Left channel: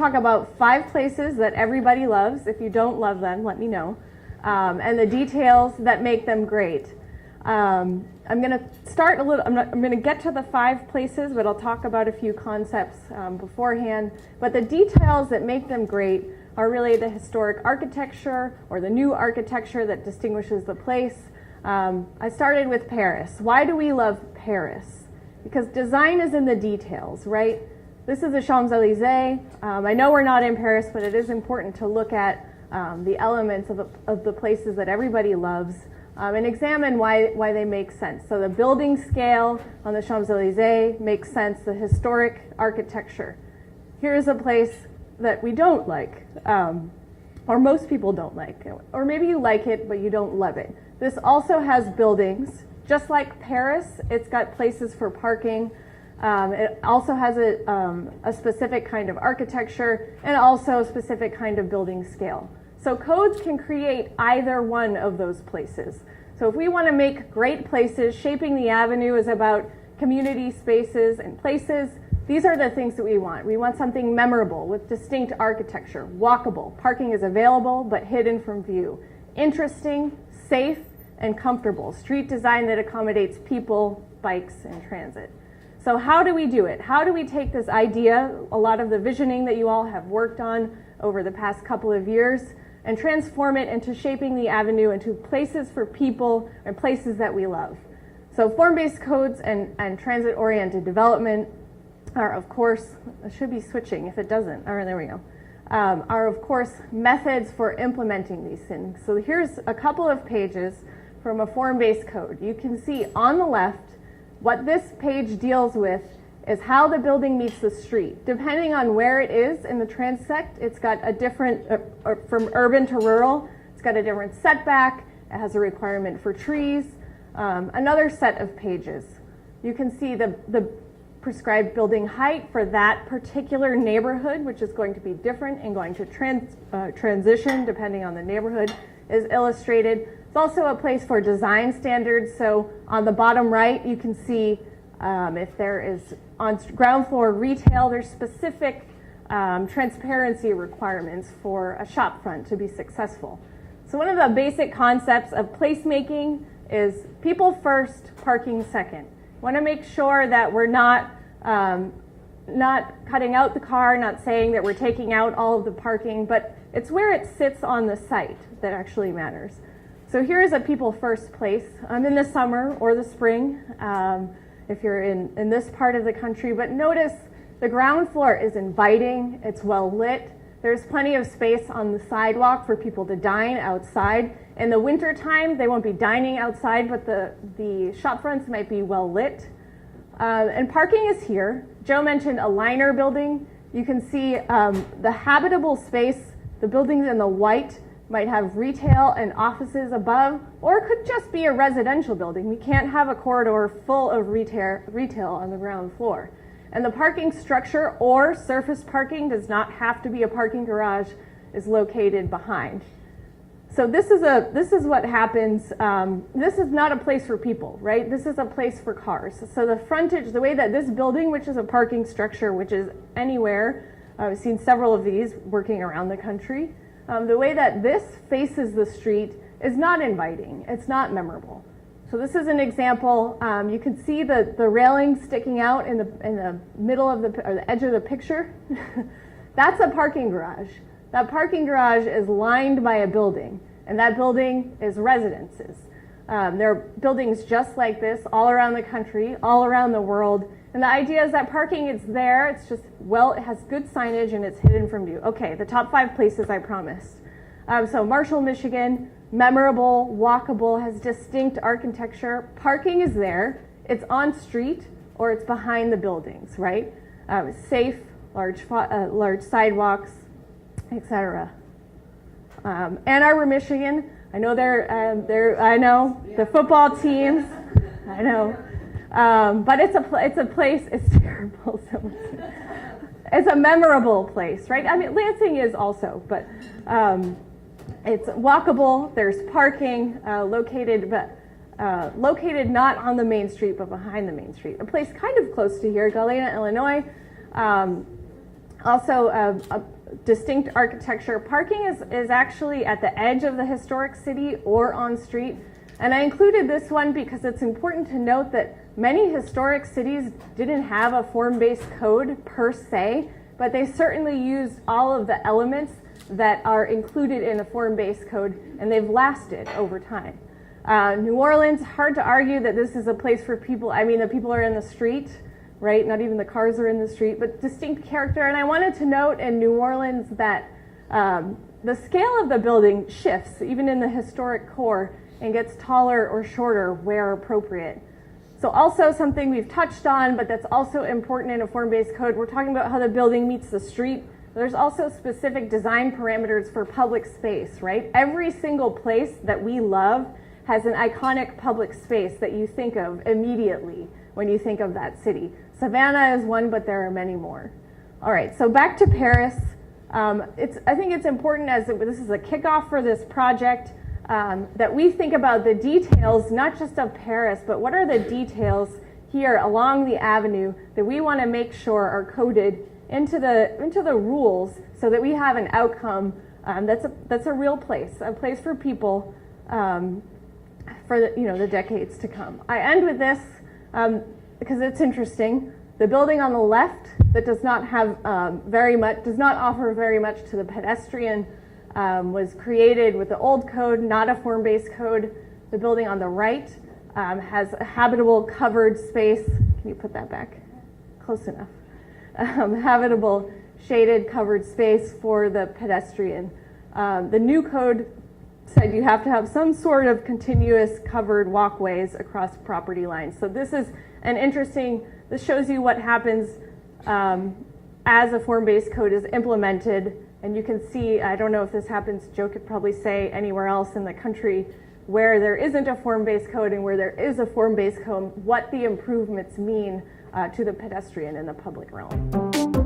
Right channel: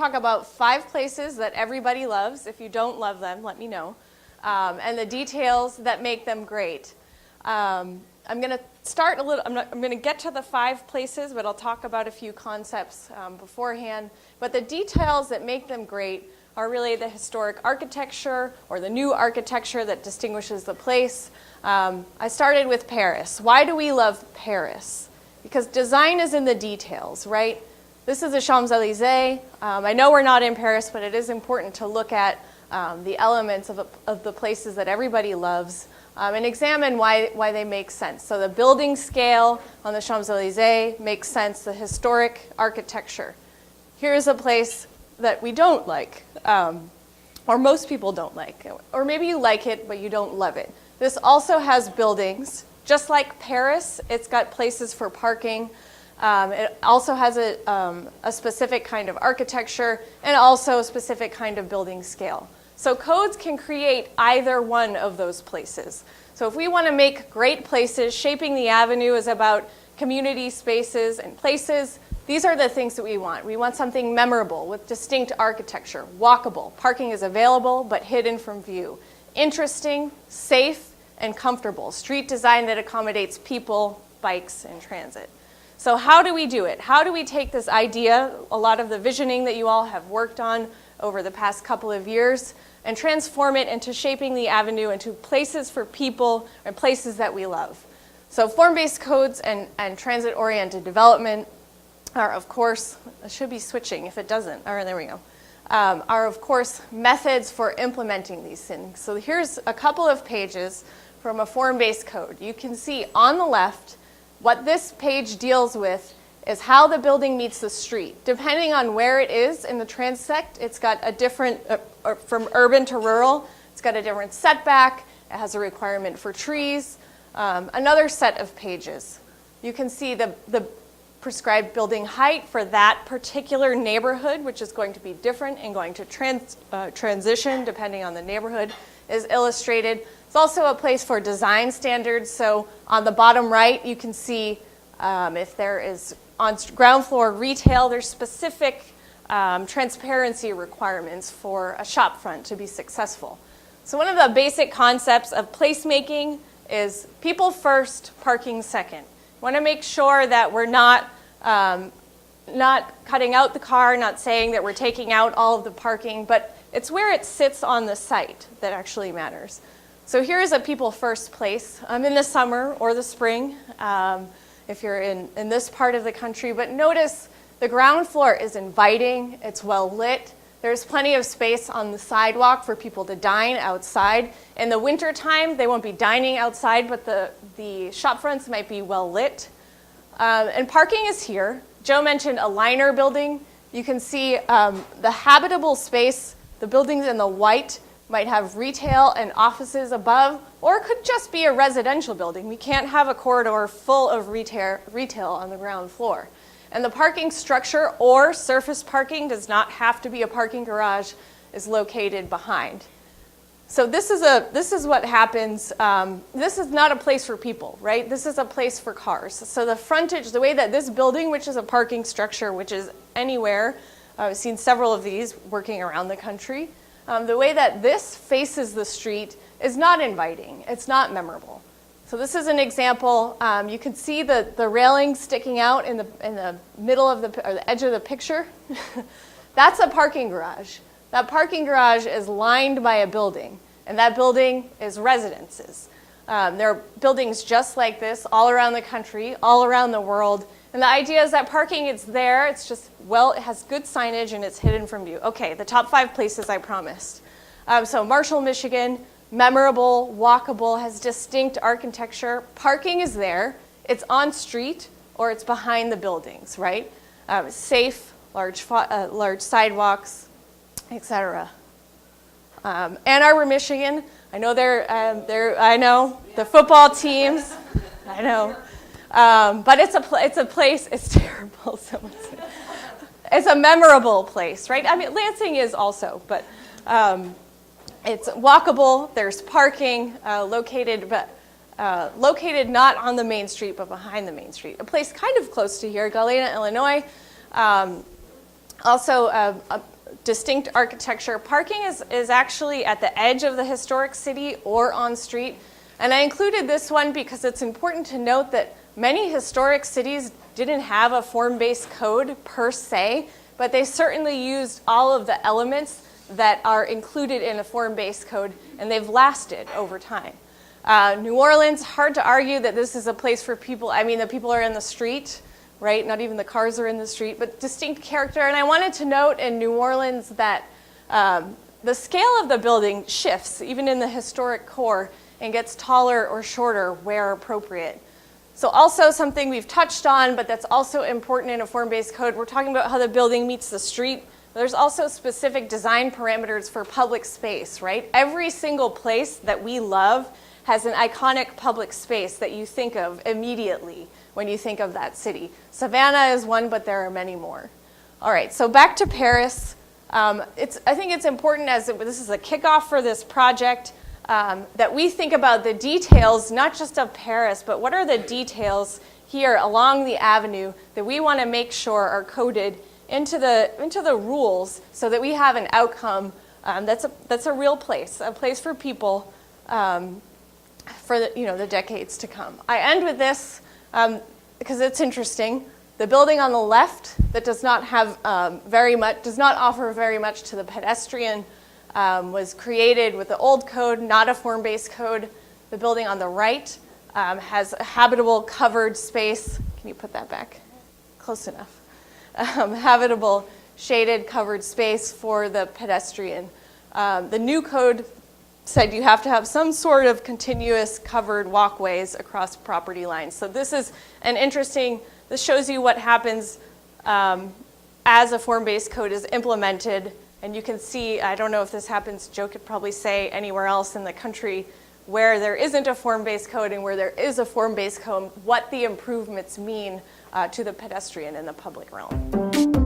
talk about 5 places that everybody loves. If you don't love them, let me know. And the details that make them great. I'm going to start a little, I'm going to get to the 5 places, but I'll talk about a few concepts beforehand. But the details that make them great are really the historic architecture or the new architecture that distinguishes the place. I started with Paris. Why do we love Paris? Because design is in the details, right? This is the Champs-Élysées. I know we're not in Paris, but it is important to look at the elements of the places that everybody loves and examine why they make sense. So the building scale on the Champs-Élysées makes sense, the historic architecture. Here's a place that we don't like, or most people don't like, or maybe you like it, but you don't love it. This also has buildings. Just like Paris, it's got places for parking. It also has a specific kind of architecture and also a specific kind of building scale. So codes can create either one of those places. So if we want to make great places, Shaping the Avenue is about community spaces and places. These are the things that we want. We want something memorable with distinct architecture, walkable. Parking is available but hidden from view. Interesting, safe, and comfortable. Street design that accommodates people, bikes, and transit. So how do we do it? How do we take this idea, a lot of the visioning that you all have worked on over the past couple of years, and transform it into Shaping the Avenue into places for people and places that we love? So form-based codes and transit-oriented development are, of course, it should be switching if it doesn't. Oh, there we go. Are, of course, methods for implementing these things. So here's a couple of pages from a form-based code. You can see on the left, what this page deals with is how the building meets the street. Depending on where it is in the transect, it's got a different, from urban to rural, it's got a different setback, it has a requirement for trees, another set of pages. You can see the prescribed building height for that particular neighborhood, which is going to be different and going to transition depending on the neighborhood, is illustrated. It's also a place for design standards. So on the bottom right, you can see if there is on ground floor retail, there's specific transparency requirements for a shop front to be successful. So one of the basic concepts of placemaking is people first, parking second. We want to make sure that we're not cutting out the car, not saying that we're taking out all of the parking, but it's where it sits on the site that actually matters. So here's a people first place in the summer or the spring if you're in this part of the country. But notice the ground floor is inviting, it's well lit. There's plenty of space on the sidewalk for people to dine outside. In the wintertime, they won't be dining outside, but the shop fronts might be well lit. And parking is here. Joe mentioned a liner building. You can see the habitable space, the buildings in the white might have retail and offices above, or it could just be a residential building. We can't have a corridor full of retail on the ground floor. And the parking structure or surface parking does not have to be a parking garage, is located behind. So this is what happens. This is not a place for people, right? This is a place for cars. So the frontage, the way that this building, which is a parking structure, which is anywhere, I've seen several of these working around the country. The way that this faces the street is not inviting. It's not memorable. So this is an example. You can see the railing sticking out in the middle of or the edge of the picture. That's a parking garage. That parking garage is lined by a building, and that building is residences. There are buildings just like this all around the country, all around the world. And the idea is that parking is there, it's just, well, it has good signage and it's hidden from view. Okay, the top 5 places I promised. So Marshall, Michigan, memorable, walkable, has distinct architecture. Parking is there, it's on street or it's behind the buildings, right? Safe, large sidewalks, etc. Ann Arbor, Michigan, I know I know, the football teams, I know. But it's a place, it's terrible. It's a memorable place, right? I mean, Lansing is also, but it's walkable, there's parking, located not on the main street, but behind the main street. A place kind of close to here, Galena, Illinois. Also, a distinct architecture. Parking is actually at the edge of the historic city or on street. And I included this one because it's important to note that many historic cities didn't have a form-based code per se, but they certainly used all of the elements that are included in a form-based code, and they've lasted over time. New Orleans, hard to argue that this is a place for people. I mean, the people are in the street, right? Not even the cars are in the street, but distinct character. And I wanted to note in New Orleans that the scale of the building shifts, even in the historic core, and gets taller or shorter where appropriate. So also something we've touched on, but that's also important in a form-based code. We're talking about how the building meets the street. There's also specific design parameters for public space, right? Every single place that we love has an iconic public space that you think of immediately when you think of that city. Savannah is one, but there are many more. All right, so back to Paris. I think it's important, as this is a kickoff for this project, that we think about the details, not just of Paris, but what are the details here along the avenue that we want to make sure are coded into the rules so that we have an outcome that's a real place, a place for people for the decades to come. I end with this because it's interesting. The building on the left that does not have does not offer very much to the pedestrian was created with the old code, not a form-based code. The building on the right has a habitable covered space. Can you put that back? Close enough. Habitable shaded covered space for the pedestrian. The new code said you have to have some sort of continuous covered walkways across property lines. So this is this shows you what happens as a form-based code is implemented. And you can see, I don't know if this happens, Joe could probably say anywhere else in the country where there isn't a form-based code and where there is a form-based code, what the improvements mean to the pedestrian in the public realm.